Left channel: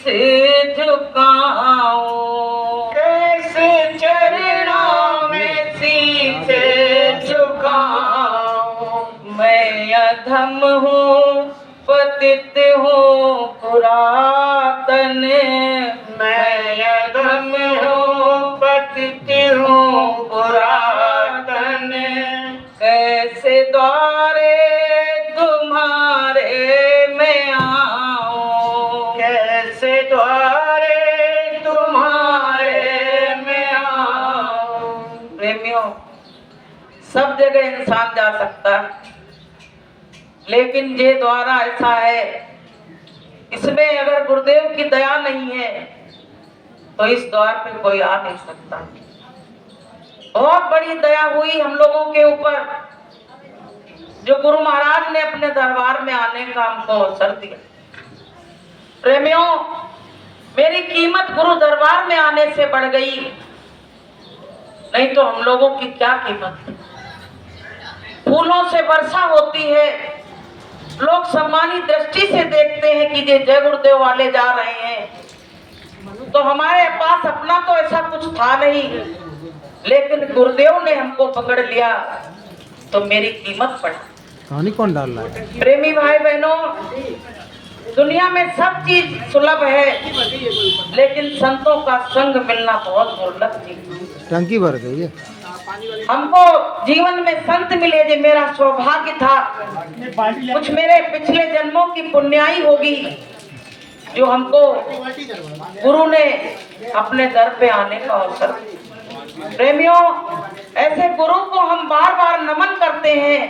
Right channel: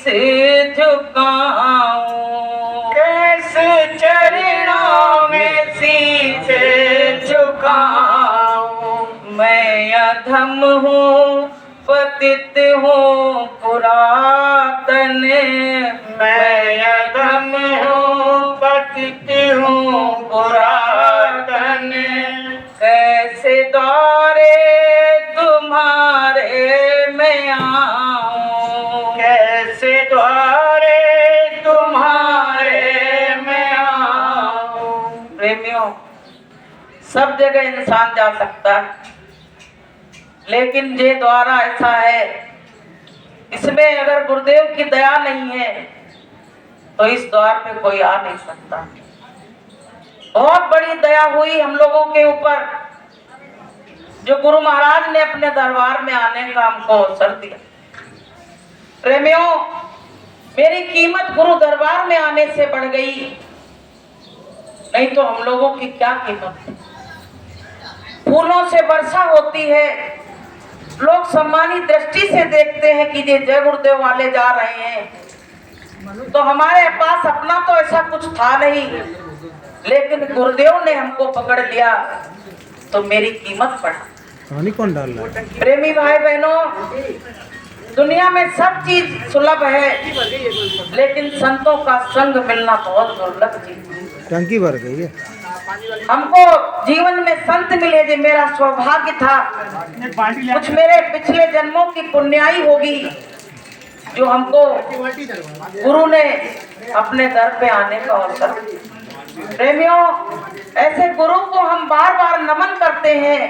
शीश झुकाऊं, कैसे चरणों में शीश झुकाऊं। मैं अधम हूँ पतित हूँ पुरातन, मैं अधम हूँ पतित हूँ पुरातन। कैसे द्वारे तुम्हारे में आऊं, कैसे द्वारे तुम्हारे में आऊं। प्रेमियों, सब जगह इंसान जा सकता है, लेकिन ये द्वारा ऐसा है, इसमें अगर गुरुदेव की दया नहीं है तो इस द्वार पे कोई आ नहीं सकता। बहुत बड़ी दया हुई हम लोगों के ऊपर, जो गुरु महाराज ने अपने दरबार में आने का हमको अवसर दिया। प्रेमियों, मेरी कीमत गुरु दरबार में आने से बढ़ गई, नहीं तो हम लोगों की क्या कीमत है। फूलों से वर्षा होती है, लोग सम्मानित दृष्टि से देखते हैं कि ये जय गुरुदेव वाले जा रहे हैं, तो हमारे पास अपना तो ऐसा कुछ था नहीं, लेकिन गुरुदेव ने हमको पकड़ लिया तो मेरी कीमत बढ़ा। कहानी कौन डाल रहा है? प्रेमी भाई बहनों, दुनिया में सब चीज सुलभ है, लेकिन संतों का संग मिलना बहुत दुर्लभ चीज है। टंकी भर गई है। हमको जीवन में संत मिले, जो मेरा सौभाग्य था, कुछ मेरे पिछले जन्मों की पुण्याई होगी जो हमको गुरु ने अपने दर पे आने का अवसर दिया। प्रेमियों, ऐसे गुरु को हम बार बार नमन करते हैं,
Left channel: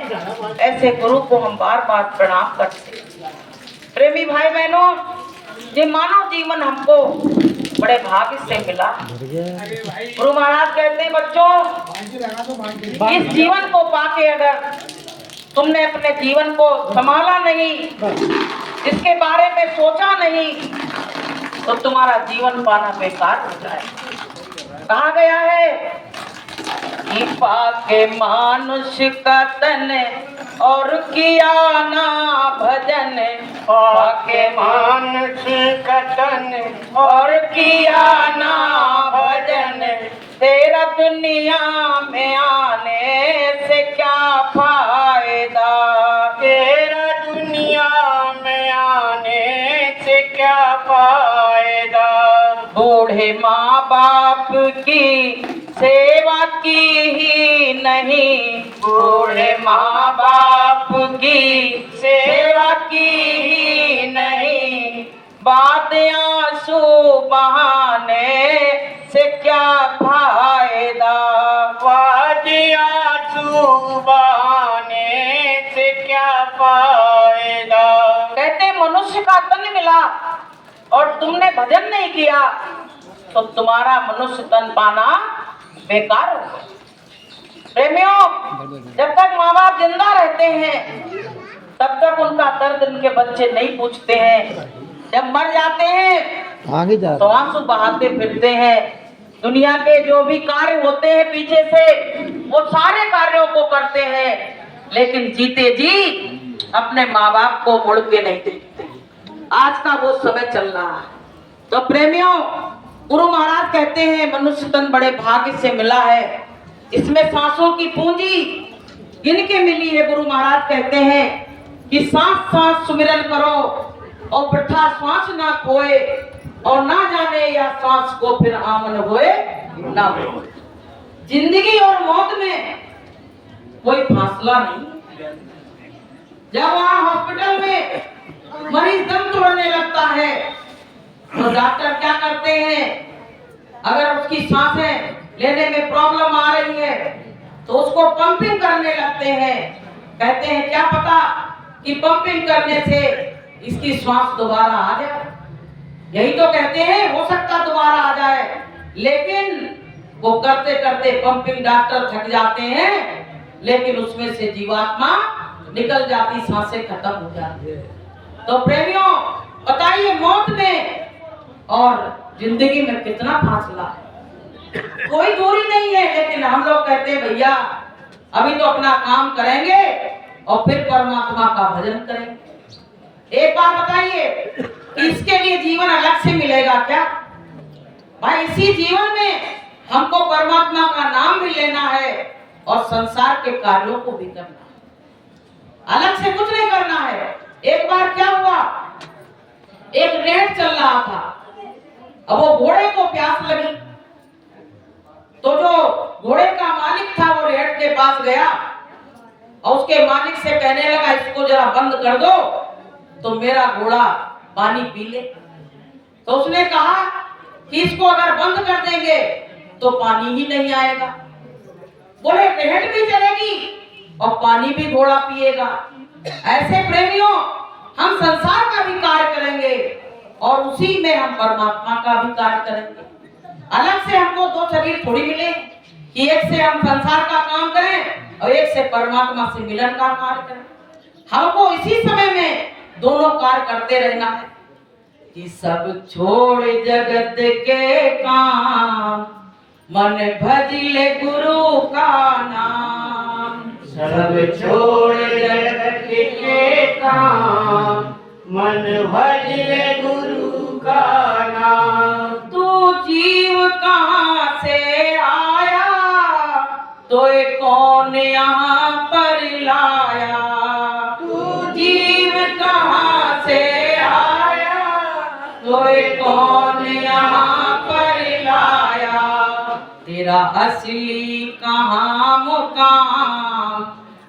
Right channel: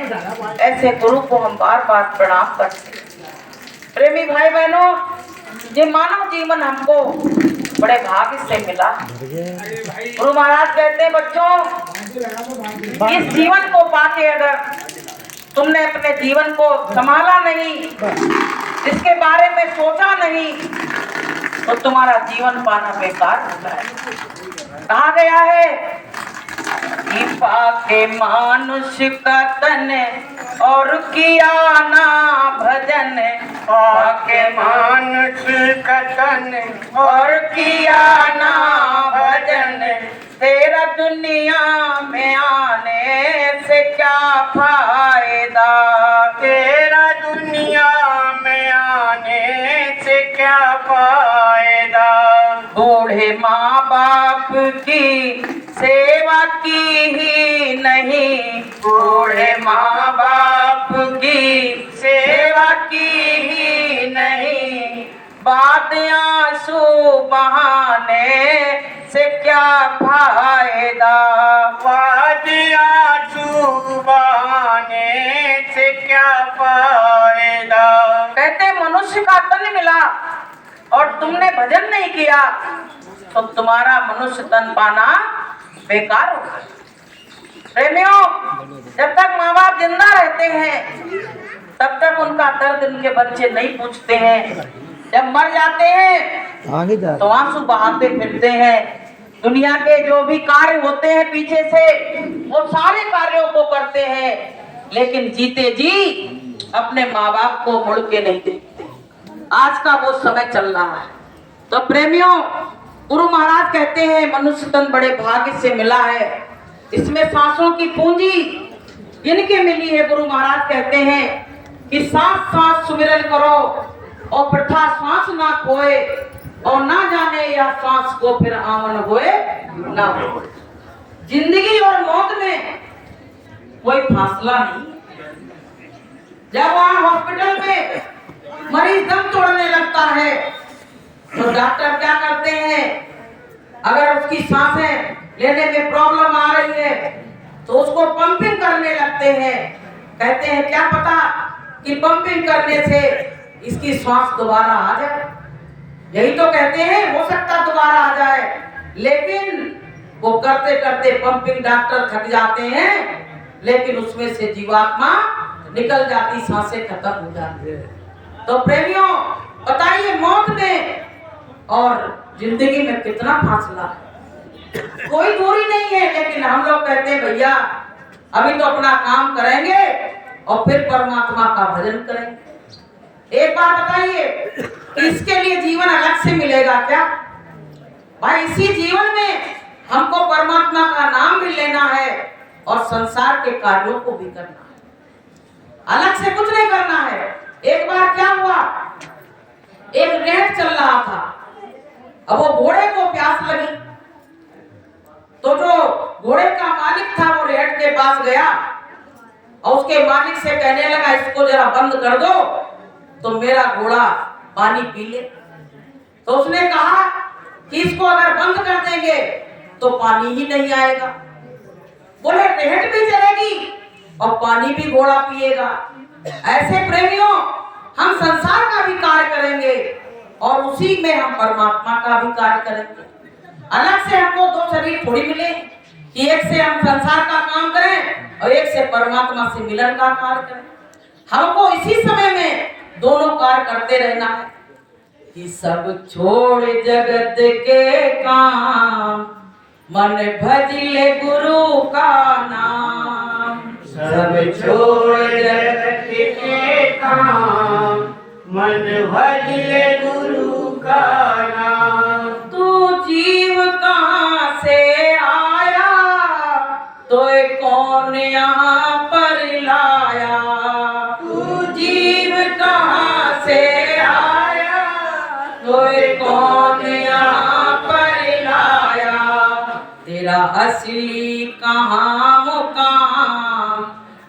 ऐसे गुरु को हम बार बार प्रणाम करते हैं। प्रेमी भाई बहनों, ये मानव जीवन हमको बड़े भाग्य से मिला। गुरु महाराज कहते हैं, बच्चों, इस जीवन को पाके अगर तुमने अपने जीवन को संभाला नहीं, इसके बारे में सोचा नहीं, तो तुम्हारा जीवन पाना बेकार हो जाए। कहा गया है कि पाके मानुष का तन और किया ना भजन, पाके मानुष का तन और किया ना भजन, तेरा दुनिया में आने से क्या फायदा, तेरा दुनिया में आने से क्या फायदा। बूढ़े माँ बाप की सेवा की ही नहीं, बूढ़े माँ बाप की सेवा की ही नहीं, बाद आंसू बहाने से क्या फायदा, बाद आंसू बहाने से क्या फायदा। कहते मनुष्य का तन मिला और तुमने भजन नहीं किया तो तुम्हारा मनुष्य तन पाना बेकार होगा। प्रेमियों, जब तक माँ बाप जिंदा रहते हैं तब तक उनका दर्द उनके बच्चे नहीं पूछते हैं। जब मर जाते हैं तो आंसू बहाते फिरते हैं। दुनिया के जो भी कार्य होते हैं पीछे से, वो सारे कार्यों को करते हैं, लेकिन जीते जी अपने माँ बाप को मुड़ के नहीं देखते। आज का वो समय चल रहा है। तो प्रेमियों, गुरु महाराज कहते हैं मनुष्य तन बड़े भाग्य से मिला है, इसमें सांसों की पूंजी गिन के मिली है। गुरु महाराज कहते हैं कि सांस सांस सुमिरन करो और वृथा सांस ना खोए, और ना जाने या सांस को फिर आमन होए ना हो। जिंदगी और मौत में कोई फासला नहीं। जब वहां हॉस्पिटल में मरीज दम तोड़ने लगता है तो डॉक्टर क्या करते हैं, अगर उसकी सांसें लेने में प्रॉब्लम आ रही है तो उसको पंपिंग करने लगते हैं। कहते हैं क्या पता कि पंपिंग करने से इसकी श्वास दोबारा आ जाए। यही तो कहते हैं, हो सकता दोबारा आ जाए, लेकिन वो करते करते पंपिंग डॉक्टर थक जाते हैं, लेकिन उसमें से जीवात्मा निकल जाती, सांसें खत्म हो जाती है। तो प्रेमियों, बताइए मौत में और जिंदगी में कितना फासला है। कोई दूरी नहीं है, लेकिन हम लोग कहते हैं भैया अभी तो अपना काम करेंगे और फिर परमात्मा का भजन करेंगे। एक बात बताइए, इसके लिए जीवन अलग अलग से मिलेगा क्या? भाई इसी जीवन में हमको परमात्मा का भी लेना है और संसार के कार्यों को भी करना है, अलग से कुछ नहीं करना है। एक बार क्या हुआ, एक रेट चल रहा था, अब वो घोड़े को प्यास लगी तो जो घोड़े का मालिक था वो रेट के पास गया और उसके मालिक से कहने लगा इसको जरा बंद कर दो तो मेरा घोड़ा पानी पी ले। तो उसने कहा कि इसको अगर बंद कर देंगे तो पानी ही नहीं आएगा। बोले रेहट भी चलेगी और पानी भी घोड़ा पिएगा। ऐसे प्रेमियों हम संसार का भी कार्य करेंगे और उसी में हम परमात्मा का भी कार्य करेंगे। अलग से हमको दो शरीर थोड़ी मिले कि एक से हम संसार का काम करें और एक से परमात्मा से मिलन का कार्य करें। हमको इसी समय में दोनों कार्य करते रहना है कि सब छोड़ जगत के काम मन भज ले गुरु का नाम। सब छोड़ जगत के काम मन भज ले गुरु का नाम। तू जीव कहाँ से आया तो कौन यहाँ पर लाया। तू जीव कहाँ से आया तो कौन यहाँ पर लाया। तेरा असली कहाँ मुकाम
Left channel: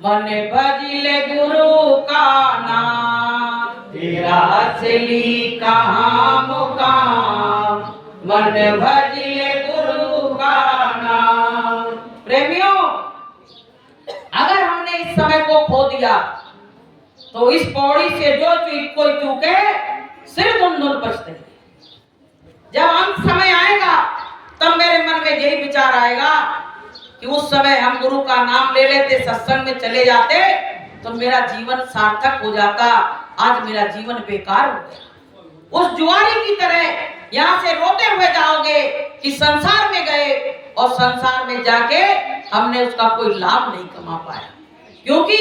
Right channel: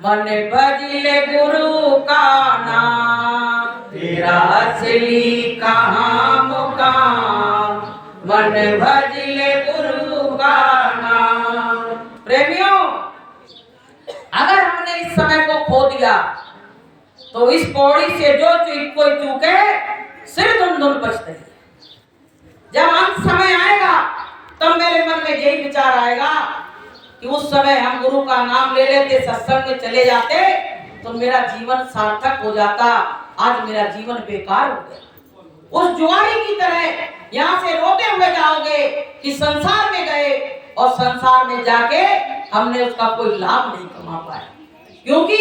मन भज ले गुरु का नाम। तेरा असली कहाँ मुकाम मन भज ले गुरु का नाम। प्रेमियों अगर हमने इस समय को खो दिया तो इस पौड़ी से जो कोई चूके सिर धुन धुन बचते हैं। जब अंत समय आएगा तब मेरे मन में यही विचार आएगा कि उस समय हम गुरु का नाम ले लेते, सत्संग में चले जाते तो मेरा जीवन सार्थक हो जाता। आज मेरा जीवन बेकार हो गया। उस जुआरी की तरह यहाँ से रोते हुए जाओगे कि संसार में गए और संसार में जाके हमने उसका कोई लाभ नहीं कमा पाया, क्योंकि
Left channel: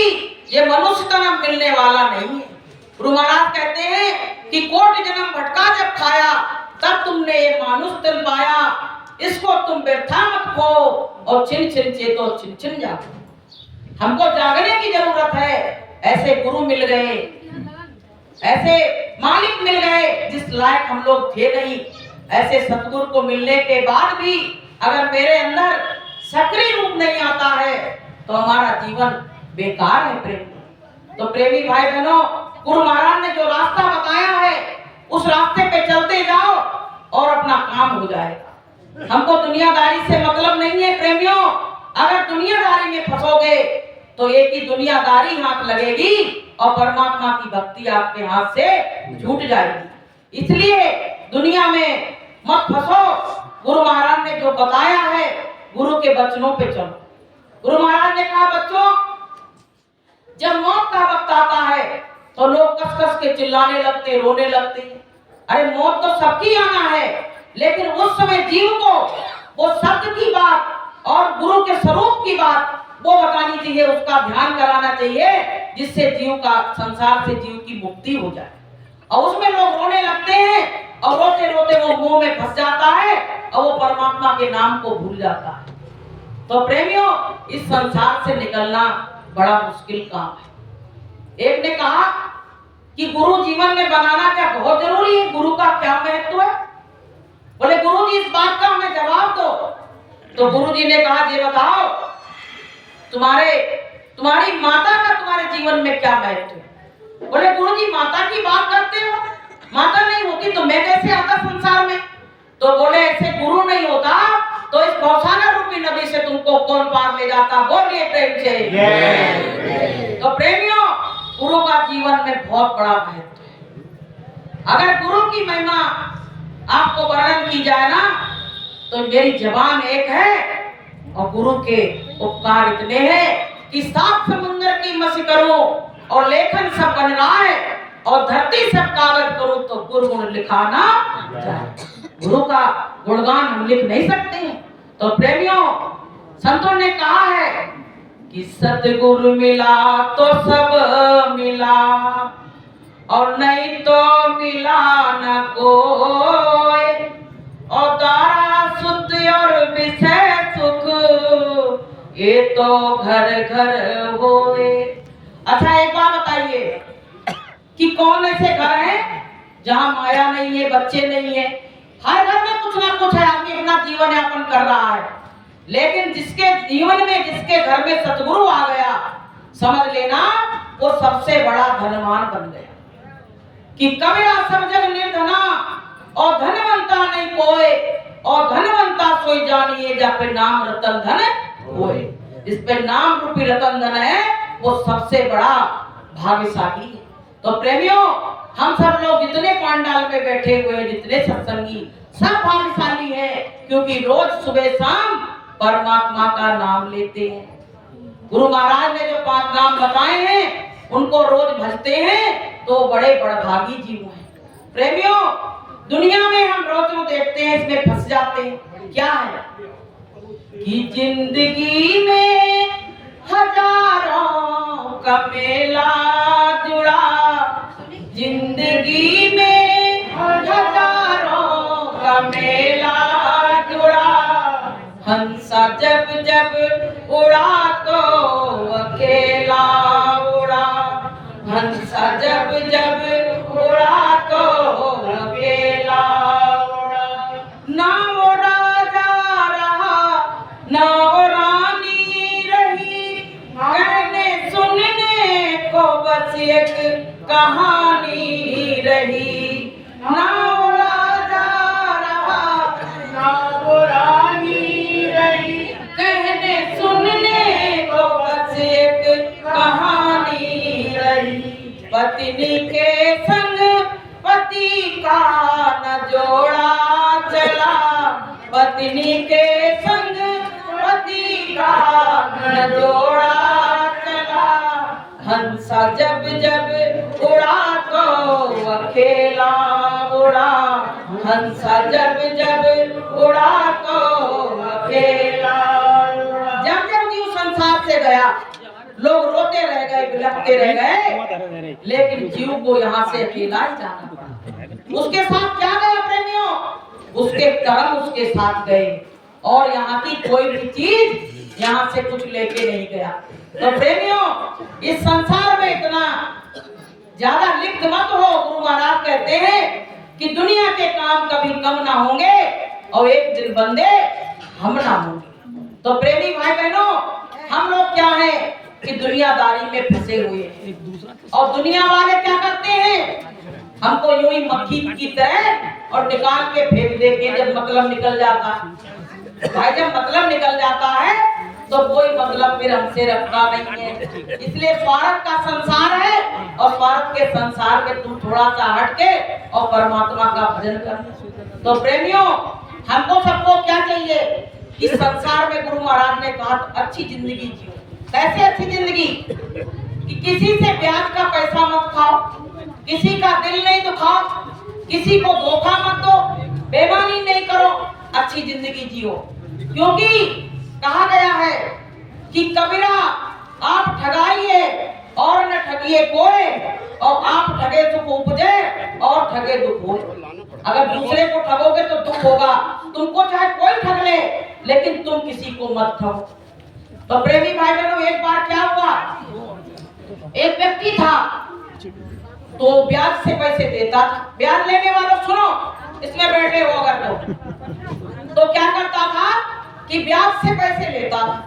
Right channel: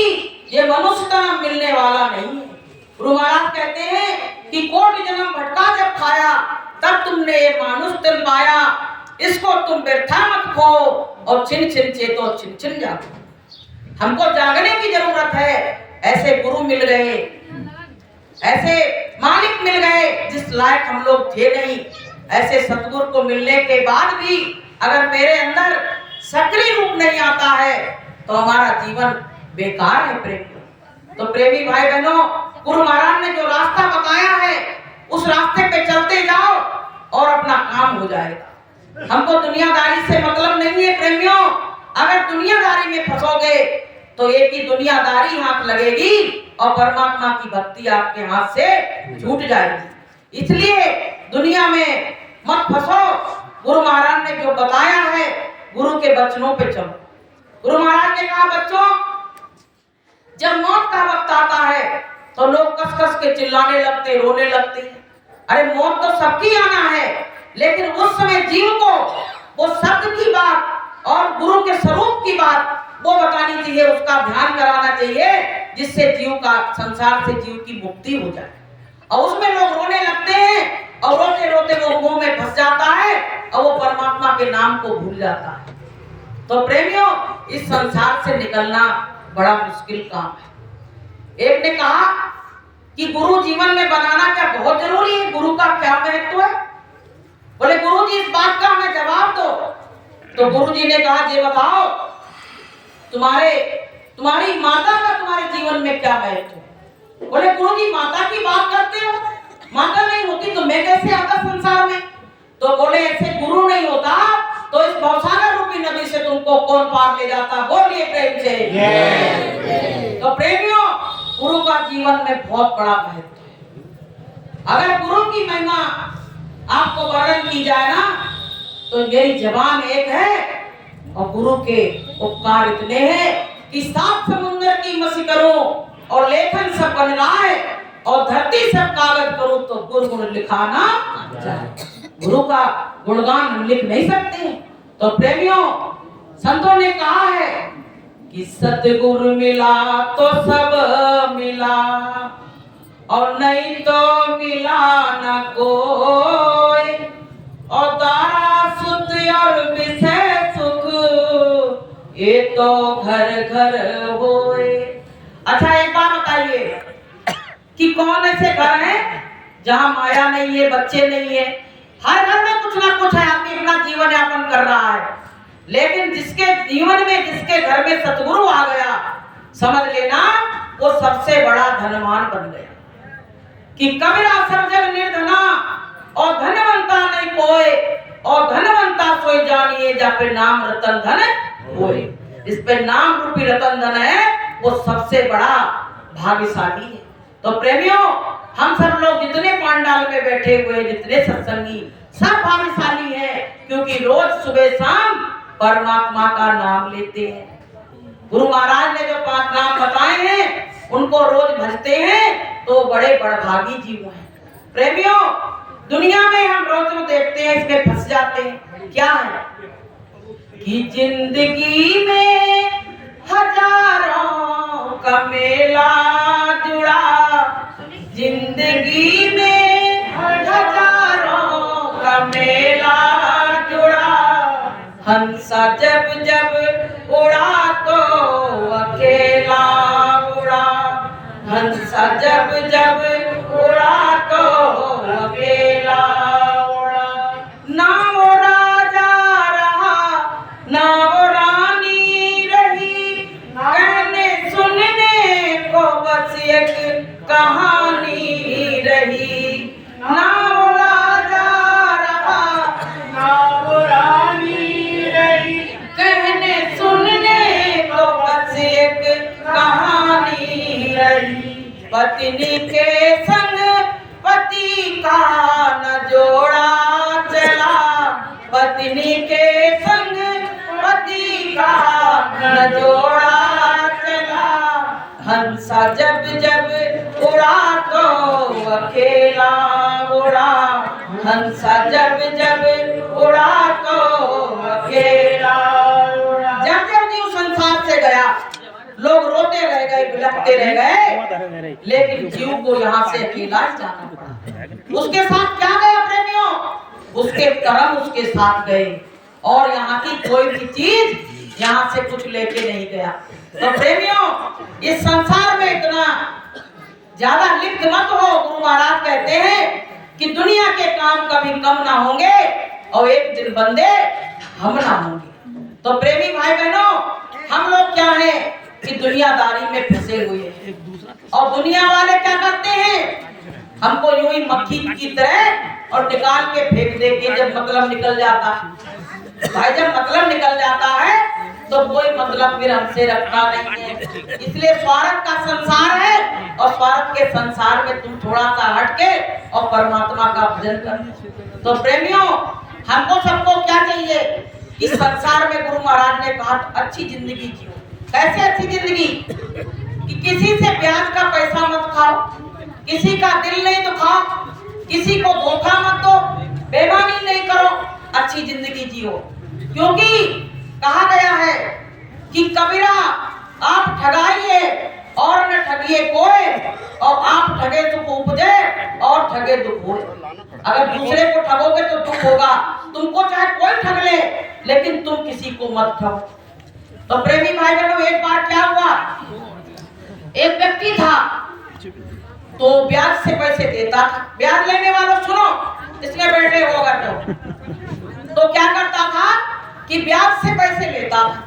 ये मनुष्य तन मिलने वाला नहीं है। गुरु महाराज कहते हैं कि कोटि जन्म भटका जब खाया तब तुमने ये मानुष तन पाया। इसको तुम व्यर्था मत खो और छिन छिन चेतो छिन छिन जागो। हमको जागने की जरूरत है। ऐसे गुरु मिल गए, ऐसे मालिक मिल गए जिस लायक हम लोग थे नहीं। ऐसे सतगुरु को मिलने के बाद भी अगर मेरे अंदर सक्रिय रूप नहीं आता है तो हमारा जीवन बेकार है। प्रेमी तो प्रेमी भाई बहनों, गुरु महाराज ने जो रास्ता बताया है उस रास्ते पे चलते जाओ और अपना काम हो जाएगा। हमको दुनियादारी से मतलब नहीं है प्रेमियों। अगर दुनियादारी में फंसोगे तो एक ही दुनियादारी हाथ लगेगी और परमात्मा की भक्ति आपके हाथ से छूट जाएगी। इसलिए दुनिया में मत फंसो। गुरु महाराज ने जो बताया है गुरु के वचनों पे चलो। गुरु महाराज ने कहा बच्चों, जब मौत का वक्त आता है तो लोग कस कस के चिल्लाने लगते, रोने लगते हैं। अरे मौत तो सबकी आना है, लेकिन उस समय जीव को वो शब्द की बात और गुरु के स्वरूप की बात वो बतानी चाहिए, उसका ध्यान कराना चाहिए, जिससे जीव का संसार से जीव की मुक्ति हो जाए। और उसमें लोग रोने लगते हैं और रोते रोते वो मुंह में फंस जाता है और वो परमात्मा के नाम को भूल जाता है। तो प्रेमियों, इस संसार से निकलना बड़ा मुश्किल काम है। एक ने कहा कि गुरु जीवन में बनाना क्या बहुत जरूरी है, गुरु का क्या महत्व है। बोले गुरु जी इस बात का हमें जवाब दो। तो गुरु जी ने कहा ये बताओ, तुम्हारी माता का तुम्हारे जीवन में क्या महत्व है। बोले गुरु जी माता की बात करते हो, माता नहीं होती तो मैं कैसे आता संसार में। तो बोले ऐसे गुरु नहीं होता तो इस भवसागर रूपी नदी से तुमको कौन पार ले जाता। बोलिए प्रेम से। तो प्रेमियों, गुरु का जीवन में बहुत बड़ा महत्व है। अगर गुरु की महिमा आपको वर्णन की जाए ना तो मेरी जबान एक है और गुरु के उपकार इतने हैं कि 7 समुद्र की मसी करूं और लेखन सब बन रहा है और धरती सब कागज करूं तो गुरु गुण लिखा ना जाए। गुरु का गुणगान हम लिख नहीं सकते। तो प्रेमियों, संतों ने कहा है कि सतगुरु मिला तो सब मिला और नहीं तो मिला न को। तो घर घर होए। अच्छा एक बात बताइए कि कौन ऐसे घर हैं जहां माया नहीं है, बच्चे नहीं है? हर घर में कुछ ना कुछ है, आदमी अपना जीवन यापन कर रहा है। लेकिन जिसके जीवन में, जिसके घर में सतगुरु आ गया, समझ लेना वो सबसे बड़ा धनवान बन गया। कि कबीरा सब जग निर्धना और धनवंता नहीं कोई, और धनवंता सोई जानिए जा पे नाम रतन धन होए। जिस पे नाम रूपी रतन धन है वो सबसे बड़ा भाग्यशाली है। तो प्रेमियों, हम सब लोग जितने पांडाल में बैठे हुए, जितने सत्संगी, सब भाग्यशाली हैं, क्योंकि रोज सुबह शाम परमात्मा का नाम लेते हैं। गुरु महाराज ने जो 5 नाम बताए हैं उनको रोज भजते हैं तो बड़े बड़भागी जीव हैं। प्रेमियों, दुनिया में हम रोज देखते हैं, इसमें फंस जाते हैं। क्या है कि जिंदगी में हजारों का मेला जुड़ा, जिंदगी में हजारों का मेला जुड़ा, हंसा जब जब उड़ा तो अकेला उड़ा, हंसा जब जब उड़ा तो अकेला उड़ा। ना वो राजा रहा ना वो रानी रही, कहने सुनने को बस एक कहानी रही। ना वो राजा रहा ना वो रानी रही, कहने सुनने को बस एक कहानी रही। पत्नी के संग पति का न जोड़ा चला, पत्नी के संग पति का न जोड़ा चला, हंसा जब जब उड़ा तो अकेला उड़ा, हंसा जब जब उड़ा तो अकेला उड़ा। जब जब जीव संसार से गया, लोग रोते रह गए, बिलखते रह गए, लेकिन जीव को यहाँ से अकेला ही जाना पड़ा। उसके साथ क्या गया प्रेमियों? उसके कर्म उसके साथ गए, और यहाँ की कोई भी चीज यहाँ से कुछ लेके नहीं गया। तो प्रेमियों, इस संसार में इतना ज्यादा लिप्त मत हो। गुरु महाराज कहते हैं कि दुनिया के काम कभी कम ना होंगे और एक दिन बंदे हम ना होंगे। तो प्रेमी भाई बहनों, हम लोग क्या है कि दुनियादारी में फंसे हुए हैं, और दुनिया वाले क्या करते हैं, हमको यूं ही मक्खी की तरह और निकाल के फेंक देंगे जब मतलब निकल जाता है। भाई जब मतलब निकल जाता है तो कोई मतलब फिर हमसे रखना नहीं है। इसलिए स्वार्थ का संसार है, और स्वार्थ के संसार में तुम थोड़ा सा हटके और परमात्मा का भजन कर। तो प्रेमियों, हमको सबको क्या चाहिए? इस संसार में गुरु महाराज ने कहा अच्छी जिंदगी जियो। कैसे अच्छी जिंदगी? कि किसी से ब्याज का पैसा मत खाओ, किसी का दिल नहीं दुखाओ, किसी को धोखा मत दो, बेईमानी नहीं करो, अच्छी जिंदगी जियो। क्योंकि कहा गया है कि कबीरा आप ठगाइए और न ठगिए कोई, और आप ठगे दुख उपजे और ठगे दुख होए। अगर दूसरे को ठगोगे तो दुख होगा, तुमको चाहे कोई ठग ले, लेकिन तुम किसी को मत ठगो। तो प्रेमी भाई बहनों, एक बार क्या हुआ, एक व्यक्ति था तो ब्याज से पैसे देता था। ब्याज लेने वालों सुनो, इसमें बैठे हो अगर तो क्या करता था कि ब्याज से पैसे लेता था,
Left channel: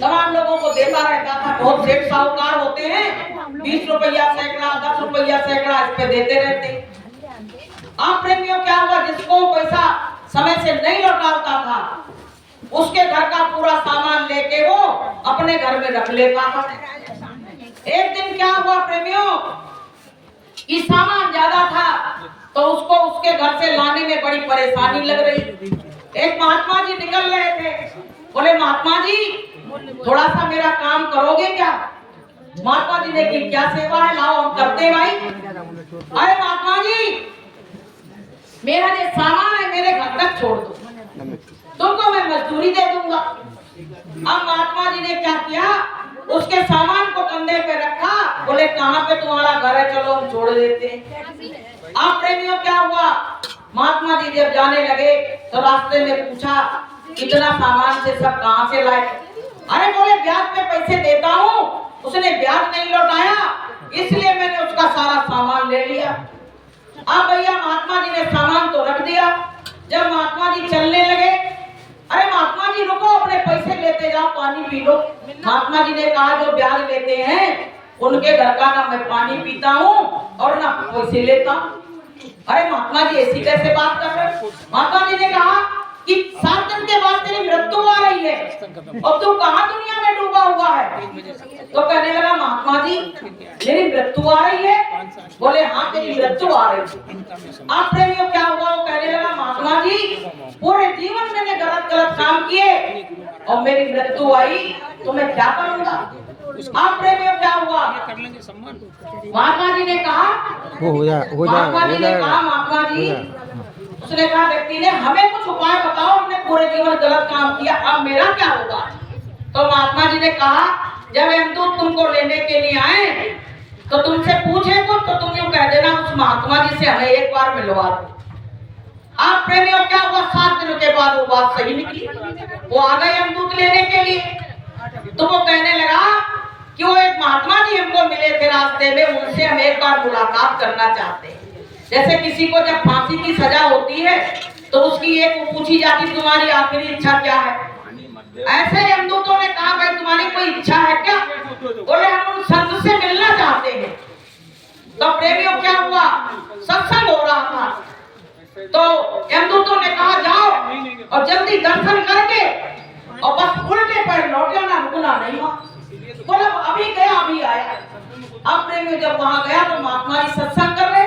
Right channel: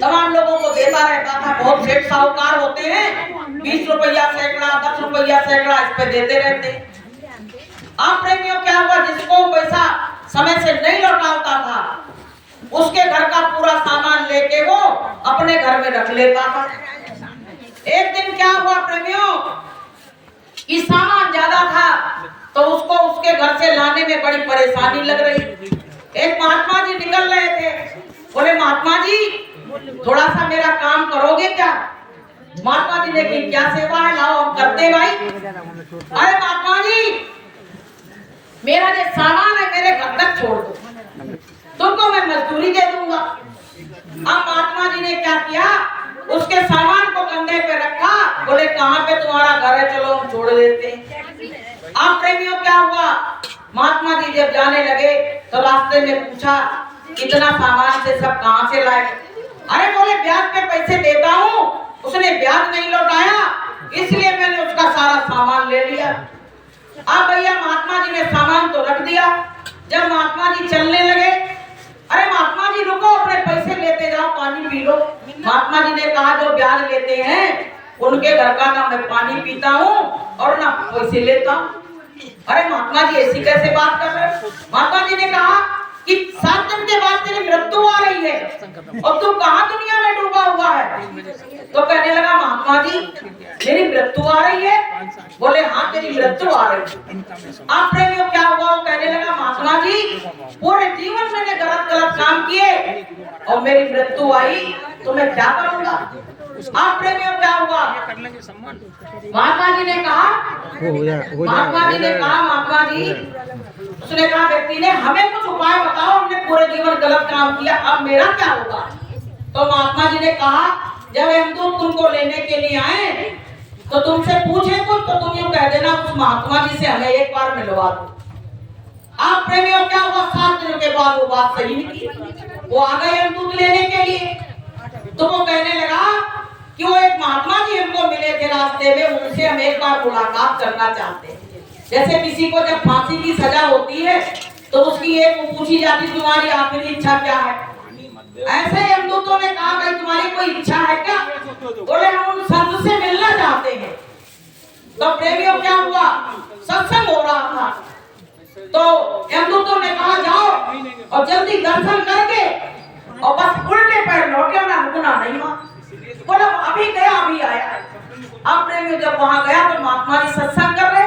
तमाम लोगों को देता रहता था। बहुत सेठ साहूकार होते हैं, 20 रुपया सैकड़ा, 10 रुपया सैकड़ा इस पे देते रहते। आप प्रेमियों, क्या हुआ, जिसको पैसा समय से नहीं लौटाता था उसके घर का पूरा सामान लेके वो अपने घर में रख लेता था। एक दिन क्या हुआ प्रेमियों, कि सामान ज्यादा था तो उसको उसके घर से लाने में बड़ी परेशानी लग रही। एक महात्मा जी निकल रहे थे, बोले महात्मा जी थोड़ा सा मेरा काम करोगे क्या? महात्मा जी ने कि क्या सेवा है, लाओ हम करते भाई। अरे महात्मा जी, मेरा जो सामान है मेरे घर तक छोड़ दो, तुमको मैं मजदूरी दे दूंगा। अब महात्मा जी ने क्या किया, उसके सामान को कंधे पे रखा, बोले कहाँ पे तुम्हारा घर है, चलो हम छोड़ देते हैं। आप प्रेमियों, क्या हुआ, महात्मा जी जब जाने लगे तो रास्ते में पूछा इतना सामान से सब कहाँ से लाए? अरे बोले ब्याज पे पैसे देता हूँ, उसने ब्याज नहीं लौटाया, इसलिए मैंने उसका सारा सामान ले लिया। अब भैया महात्मा जी ने सामान तो रख दिया। जब महात्मा जी चलने लगे, अरे महात्मा जी रुको, अपने पैसे लेते जाओ, पानी पी लो। महात्मा जी ने कहा जो ब्याज लेते हैं उनके घर का ना मैं पानी पीता हूँ और ना पैसे लेता हूँ। अरे महात्मा जी ऐसी कैसे बात कर रहे? महात्मा जी ने कहा कि 7 दिन के बाद तेरी मृत्यु आ रही है और तू कहाँ दुनिया में डूबा हुआ है? तो कहने लगा महात्मा जी मेरी मृत्यु आ रही है। बोले हाँ तेरी मृत्यु आ रही है। आप प्रेमियों क्या हुआ? वो कहने लगा महात्मा जी पूरे जीवन मैंने गलत गलत काम किए और मेरी मृत्यु आई तो मैं क्या करूंगा? आप प्रेमियों क्या हुआ? महात्मा जी ने कहा महात्मा जी ने कहा महात्मा जी, उसने कहा व्यक्ति ने हमें कुछ उपाय बताओ, हमने पूरे जीवन गलत काम किया, अब मेरा क्या होगा? तो महात्मा जी ने कहा जब यमदूत तुमको लेने के लिए आए तो तुमसे पूछे कुछ तो तुम यूं कह देना उस महात्मा जी से हमें एक बार मिलवा दो। आप प्रेमियों क्या हुआ? 7 दिन के बाद वो बात सही निकली। वो आ गए यमदूत लेने के लिए। तो वो कहने लगा कि वो एक महात्मा जी हमको मिले थे रास्ते में, उनसे हम एक बार मुलाकात करना चाहते हैं। जैसे किसी को जब फांसी की सजा होती है तो उसकी एक पूछी जाती तुम्हारी आखिरी इच्छा क्या है? ऐसे यमदूतों ने कहा भाई तुम्हारी कोई इच्छा है क्या? बोले हम उन संत से मिलना चाहते हैं। तो प्रेमियों क्या हुआ? सत्संग हो रहा था तो यमदूतों ने कहा जाओ और जल्दी दर्शन करके और बस उल्टे पैर लौटे ना, गुना नहीं हुआ। बोला अभी गया अभी आया। अब प्रेमियों जब वहां गया तो महात्मा जी सत्संग कर रहे,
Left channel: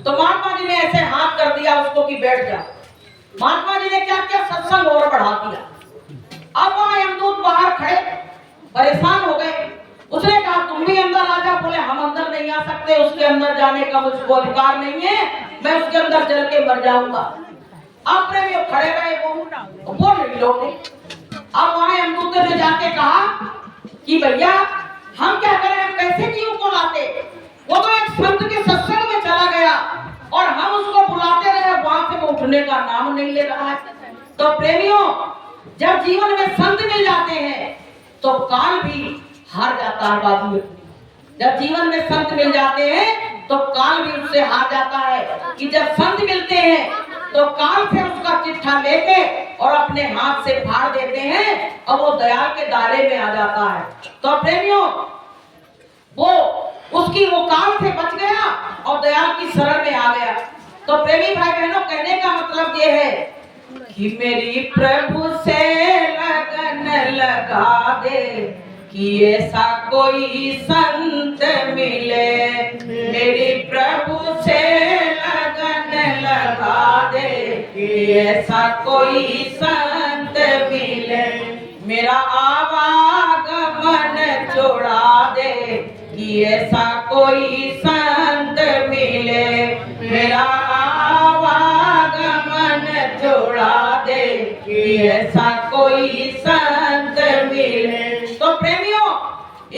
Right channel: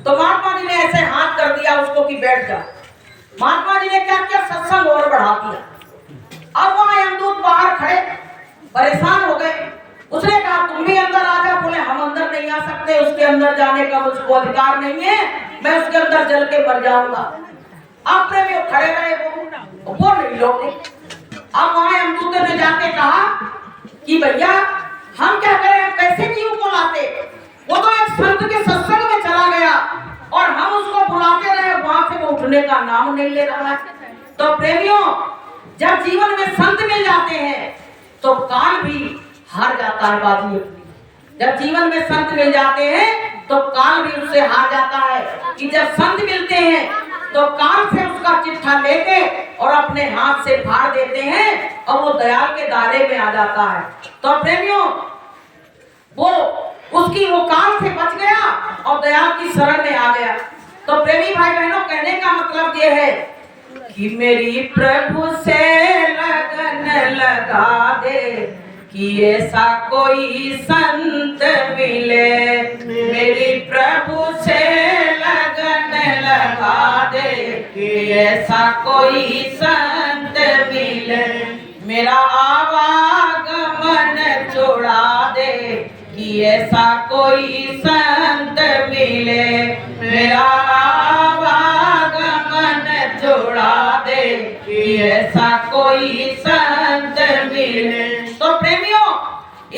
तो महात्मा जी ने ऐसे हाथ कर दिया उसको कि बैठ जा। महात्मा जी ने क्या किया? सत्संग और बढ़ा दिया। अब वहां यमदूत बाहर खड़े परेशान हो गए। उसने कहा तुम भी अंदर आ जा। बोले हम अंदर नहीं आ सकते, उसके अंदर जाने का मुझको अधिकार नहीं है, मैं उसके अंदर जल के मर जाऊंगा। अब प्रेमियों खड़े रहे, वो नहीं लौटे। अब वहां यमदूत ने जाके कहा कि भैया हम क्या करें, हम कैसे जीव को लाते? वो तो एक संत के सत्संग में चला गया और हम उसको बुलाते रहे, वहां से वो उठने का नाम नहीं ले रहा है। तो प्रेमियों जब जीवन में संत मिल जाते हैं तो काल भी हार जाता है बाजी। जब जीवन में संत मिल जाते हैं तो काल भी उससे हार जाता है कि जब संत मिलते हैं तो काल से उसका चिट्ठा लेके और अपने हाथ से फाड़ देते हैं और वो दयाल के दायरे में आ जाता है। तो प्रेमियों वो काल से बच गया और दयाल की शरण में आ गया। तो प्रेमी भाई बहनों कहने का मतलब ये है कि मेरी प्रभु से लगन लगा दे कि ऐसा कोई संत मिले। मेरी प्रभु से लगन लगा दे कि ऐसा कोई संत मिले। मेरा आवागमन छोड़ा दे कि ऐसा कोई संत मिले। मेरा आवागमन छोड़ा दे कि ऐसा कोई संत मिले। तो प्रेमियों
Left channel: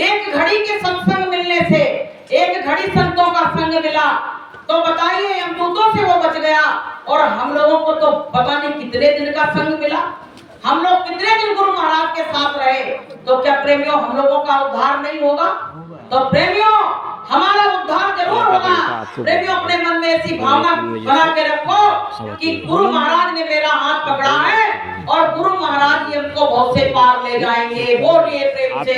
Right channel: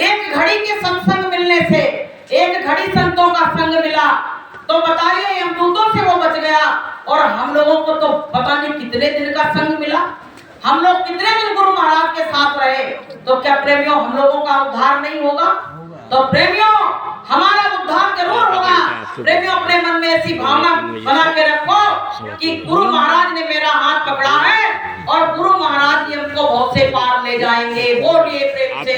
एक घड़ी के सत्संग मिलने से, एक घड़ी संतों का संग मिला तो बताइए यमदूतों से वो बच गया और हम लोगों को तो पता नहीं कितने दिन का संग मिला। हम लोग कितने दिन गुरु महाराज के साथ रहे, तो क्या प्रेमियों हम लोगों का उद्धार नहीं होगा? तो प्रेमियों हमारा उद्धार जरूर होगा। प्रेमियों अपने मन में ऐसी भावना बना के रखो कि गुरु महाराज ने मेरा हाथ पकड़ा है और गुरु महाराज ही हमको बहुत से पार ले जाएंगे। बोलिए प्रेम से।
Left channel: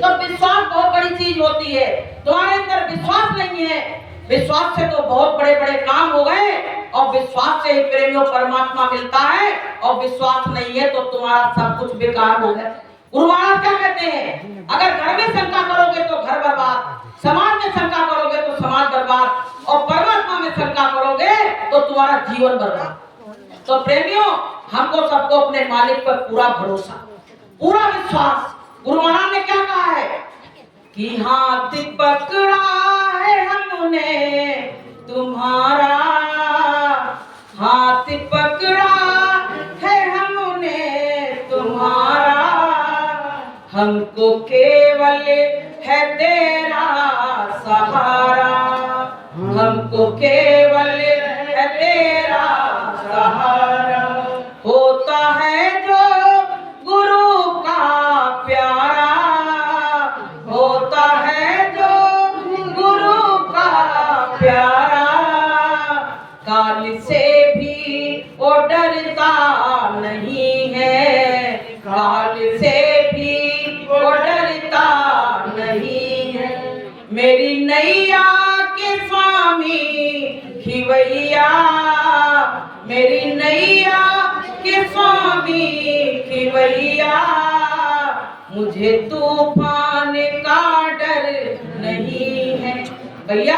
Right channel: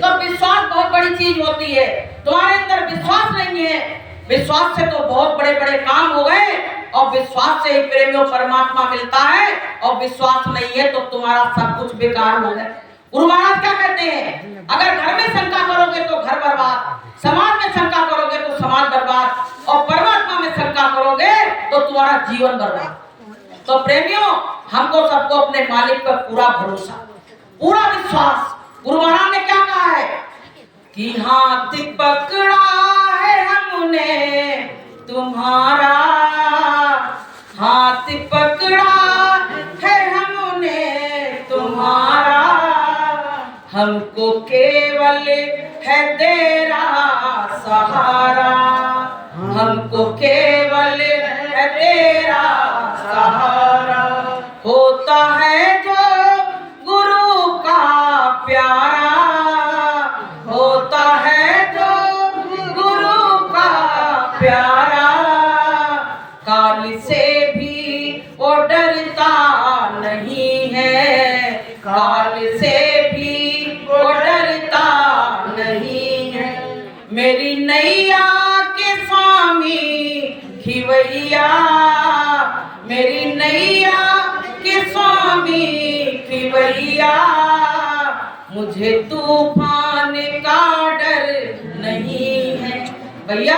तो विश्वास बहुत बड़ी चीज होती है। तुम्हारे अंदर विश्वास नहीं है, विश्वास से तो बहुत बड़े बड़े काम हो गए और विश्वास से ही प्रेमियों परमात्मा मिलता है और विश्वास नहीं है तो तुम्हारा सब कुछ बेकार हो गया। गुरु महाराज क्या कहते हैं? अगर घर में शंका करोगे तो घर बर्बाद, समाज में शंका करोगे तो समाज बर्बाद और परमात्मा में शंका करोगे तो तुम्हारा जीवन बर्बाद। तो प्रेमियों हमको सबको अपने मालिक पर पूरा भरोसा, पूरा विश्वास। गुरु महाराज ने क्या कहा है कि हाथ पकड़ा है हमने तुम्हारा, हाथ पकड़ा है हमने तुम्हारा, हमको केवल है तेरा सहारा, हमको केवल है तेरा सहारा। होता है जो गुरु प्यारा, काल से भी वो डरता नहीं है, काल से भी वो डरता नहीं है। मेरी नैया के स्वामी खिवैया, मेरी नैया के स्वामी खिवैया, मुझे तूफान का डर नहीं है। भैया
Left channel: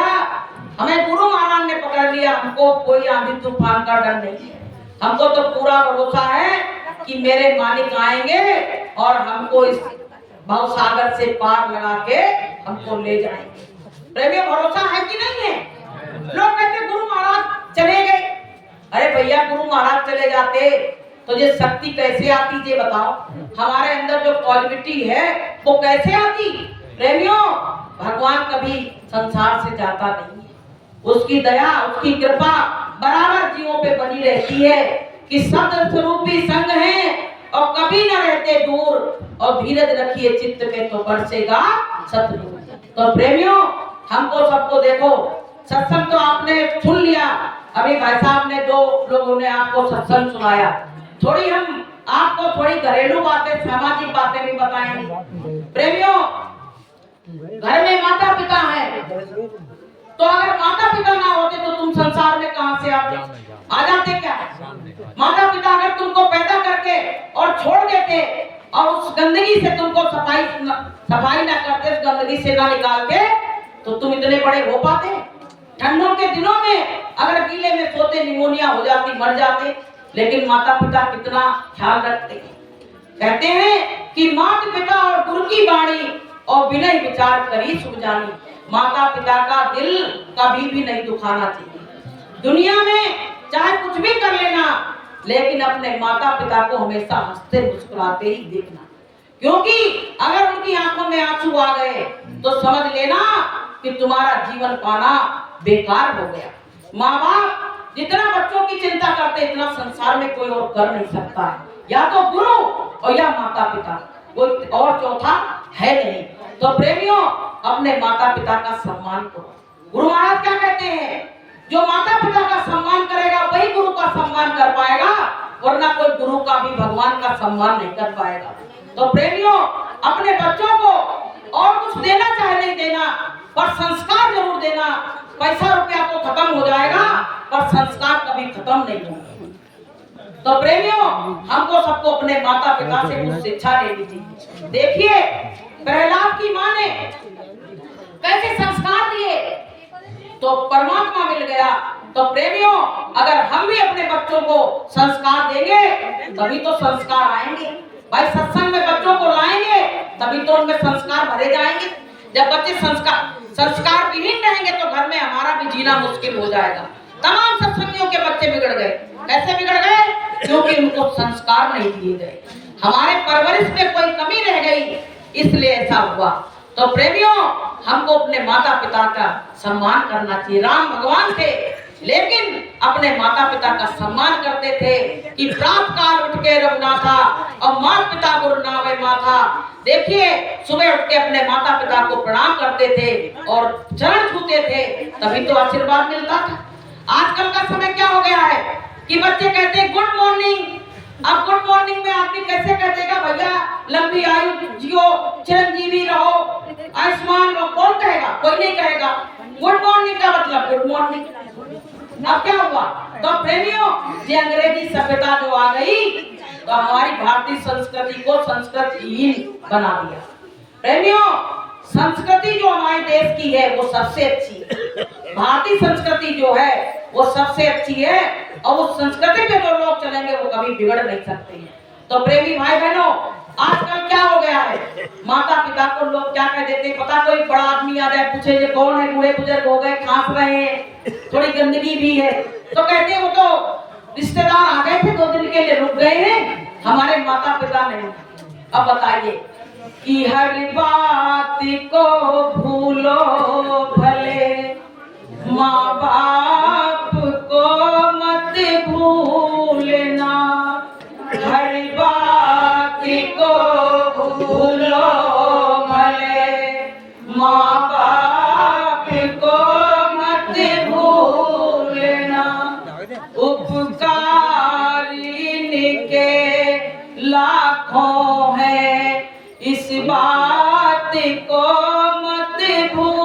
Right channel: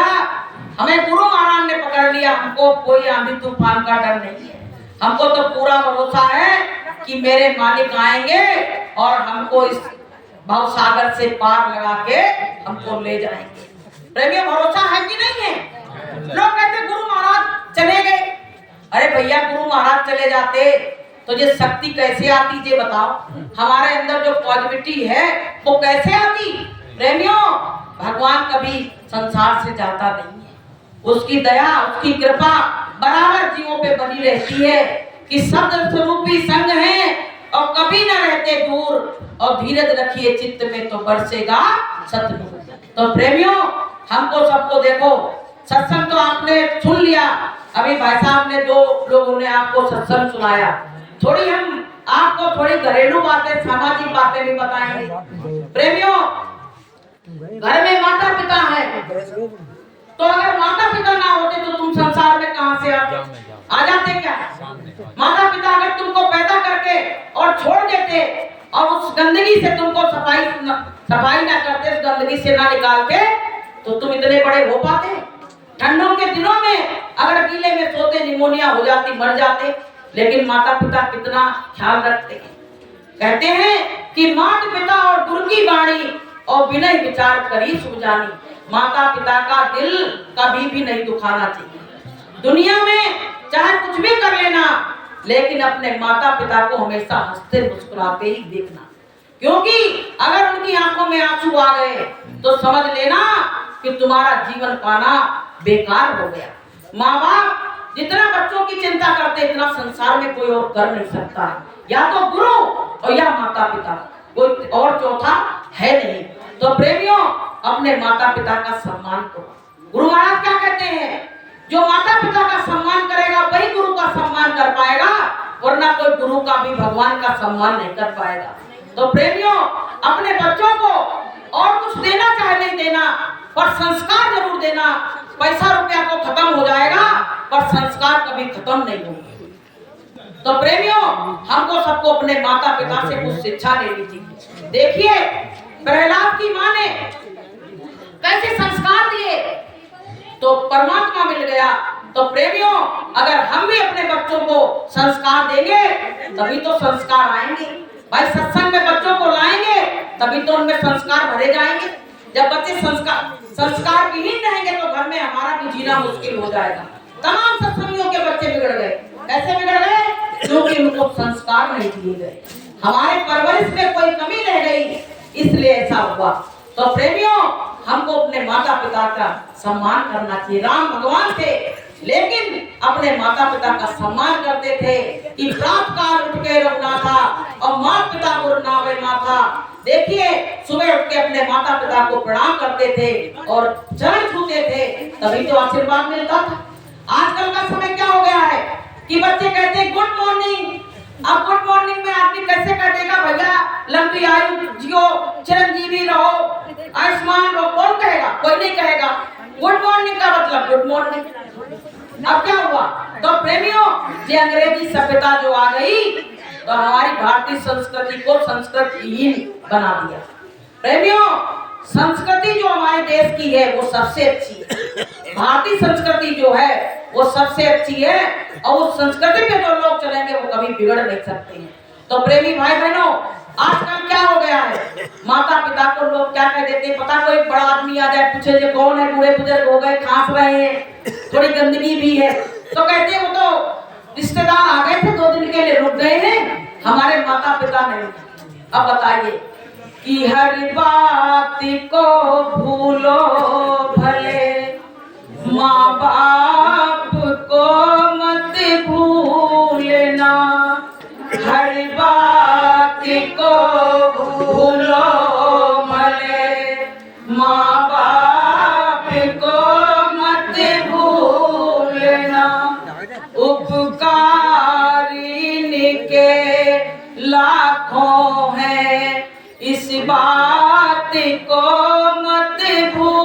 हमें गुरु महाराज ने पकड़ लिया, हमको कोई आंधी तूफान का डर नहीं है। हमको तो पूरा भरोसा है कि मेरे मालिक आएंगे और हमको इस भवसागर से पार लगा के हमको ले जाएंगे। प्रेमियों भरोसा है कि नहीं है? लोग कहते गुरु महाराज चले गए। अरे भैया गुरु महाराज चले जाते तो ये शक्ति कैसे आती ये बताओ। हमारे अंदर जो पॉजिटिविटी है वो कैसे आती? प्रेमियों भगवान कभी संसार से जाता नहीं है, उसकी दया उसकी कृपा बराबर जीवों पे बनी रहती है कि शब्द स्वरूपी संग है और कभी न रहते दूर, और धीरज रखिए चित्त में तो बरसेगा सतनूर। तो प्रेमियों हमको सबको देखो, सत्संग तो आपने सुन लिया, अभी भाई साहब ने 2 लोगों ने आपको सत्संग सुनाया, थोड़ी हम आपको थोड़ी घरेलू बातें सामाजिक बातें भी बताएंगे। प्रेमियों घर में माता पिता है, तो अगर माता पिता ना होते तो तुम संसार में कहां से आते? आ जाते क्या? माता पिता अगर तुमको पैदा करके और छोड़ देते और उस गंदगी से तुमको सफाई ना करते, उस गंदगी से ना निकालते, तो तुम इतने बड़े हो पाते? ठंडों के दिनों में अगर गीले में सोते निमोनिया हो जाती, मर जाते। लेकिन माता पिता कितना ख्याल रखते हैं। कहते हैं कि माता पिता और गुरु की वाणी और विनय विचार करी सुख जानी। माता पिता का दिल कभी भी नहीं दुखाना चाहिए। दुनिया में चाहे कुछ भी कर लेना, लेकिन अपने माता पिता को हमेशा हंसते मुस्कुराते ही देखना, क्योंकि अगर उनकी आंखों में आंसू आ गए तो समझ लेना कि तुम्हारा जीवन पाना बेकार हो गया। माँ बाप जितना बच्चों की चिंता करते इतना संसार में कोई और कर नहीं सकता है, या तो गुरु और या माता पिता, कोई और चौथा है नहीं। तो प्रेमियों अपने माता पिता का सम्मान करो। गुरु महाराज क्या कहते हैं? जो माता पिता का सम्मान करेगा वही गुरु का सम्मान कर पाएगा, वरना कोई गुरु का भी भगवान का सम्मान नहीं कर पाएगा। तो प्रेमियों अपने बच्चों को और कुछ देना चाहे नहीं देना, पर संस्कार जरूर देना। पैसा रुपया तो खत्म हो जाएगा पर संस्कार कभी खत्म नहीं होंगे। तो प्रेमियों हमको सबको अपने माता पिता से कुछ शिक्षा लेनी चाहिए। देखिए प्रहलाद की माँ ने कैसे संस्कार दिए तो परमात्मा मिल गया। तो प्रेमियों अगर हम भी अपने बच्चों को संस्कार देंगे तभी तो संस्कार आएंगे। भाई सत्संग में बच्चों को लाएंगे तभी तो उनमें संस्कार भरे जाएंगे। जब बच्चे संस्कार विहीन रहेंगे तो घर में हमारा भी जीना मुश्किल हो जाएगा। तमाम सत्संगियों के बच्चे बिगड़ गए। कैसे बिगड़ गए? क्योंकि उनको संस्कार नहीं दिए गए, हमारे परवरिश में कोई कमी रह गई, इसलिए ऐसा हुआ। तो प्रेमियों हमको अपने माता पिता का सम्मान करना चाहिए। राम भगवान थे लेकिन अपने माता पिता का सम्मान करते थे कि प्रातः काल उठ के रघुनाथा और माता पिता गुरु नावे माथा। देखिए सुबह उठ के अपने माता पिता को प्रणाम करते थे और चरण छूते थे, तभी तो आशीर्वाद मिलता था। आजकल का समय क्या हो गया है कि बच्चे कहते हैं गुड मॉर्निंग। अब गुड मॉर्निंग में आदमी कैसे कह देगा? भैया लंबी आयु जियो, चिरंजीवी रहो, आयुष्मान रहो, कौन कहेगा? कोई नहीं कहेगा। गुड मॉर्निंग का मतलब गुड मॉर्निंग। अब क्या हुआ? तो प्रेमियों ये अंग्रेजी सभ्यता जो आ गई तो हमारी भारतीय संस्कृति को संस्कृतहीन बना दिया। प्रेमियों संस्कृति जो हमारे देश की है वो सबसे अच्छी है। भारतीय संस्कृति जो है वो सबसे अच्छी है और उस संस्कृति पे जो लोग चलेंगे वो कभी बिगड़ नहीं सकते हैं। तो प्रेमी भाई बहनों आजकल क्या हो गया है, माता पिता को लोग क्या कह देते हैं पता? कोई बड़ा आदमी आ जाए पूछे जो कौन है, बूढ़े बुजुर्ग हो गए, खांस रहे हैं, थोड़ी गंदगी भी है, तो कहते हैं वो तो रिश्तेदार आ गए थे 2 दिन के लिए रुक गए हैं, हमारे माता पिता नहीं। अब बताइए कि हर बात को भूलो भले, माँ बाप को मत भूलना, हर बात को भूलो भले, माँ बाप को मत इस बात को मत भूल